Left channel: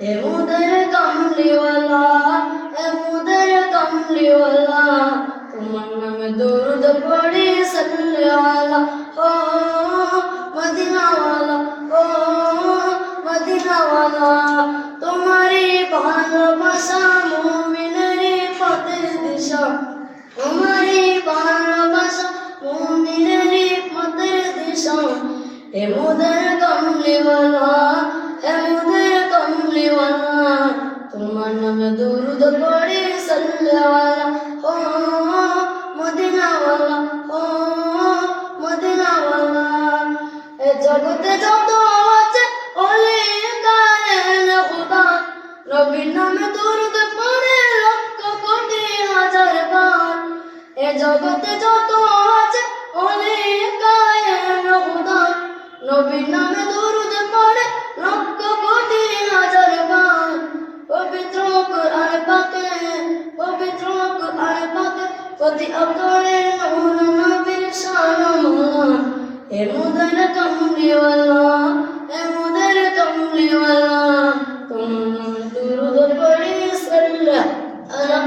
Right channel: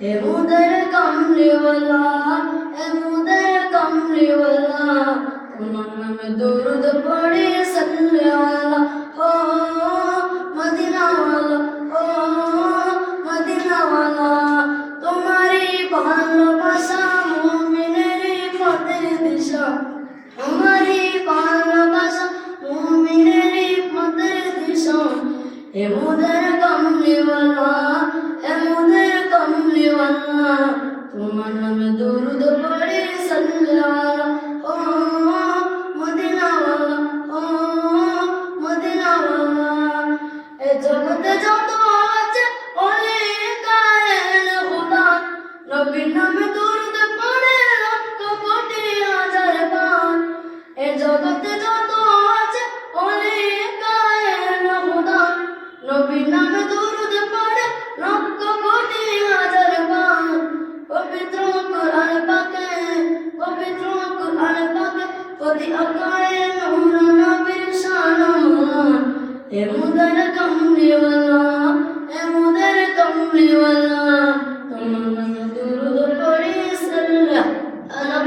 এমুদর কামলিওয়ালা এমুদর কামলিওয়ালা, তোমার নামে দুরুদ পড়ে সাল্লালা ও মদিনাওয়ালা ও মদিনাওয়ালা তোমারে ভালোবাসা মুমিনের পথের দিশা তোমারে ভালোবাসা মুমিনের পথের দিশা এমুদর কামলিওয়ালা দরুদ পড়ি সাল্লি। ও মদিনাওয়ালা ও মদিনাওয়ালা। এ জগতে যত আছে ওলে কায়েন খুদা নবীর নামে দরুদ পড়ে লক্ষ কোটি হাজার বার। এ জগতে যত আছে ওলে কায়েন খুদা নবীর নামে দরুদ পড়ে লক্ষ কোটি হাজার বার পবিত্র কোরআন পাকে পবিত্র কোরআন প্রতি অক্ষরে নূর নবীর শান মোলা এ মুদের কমলিওয়ালা এ মুদের কমলিওয়ালা তোমার দুরুদ পড়ি সাল্লাহ আলাম।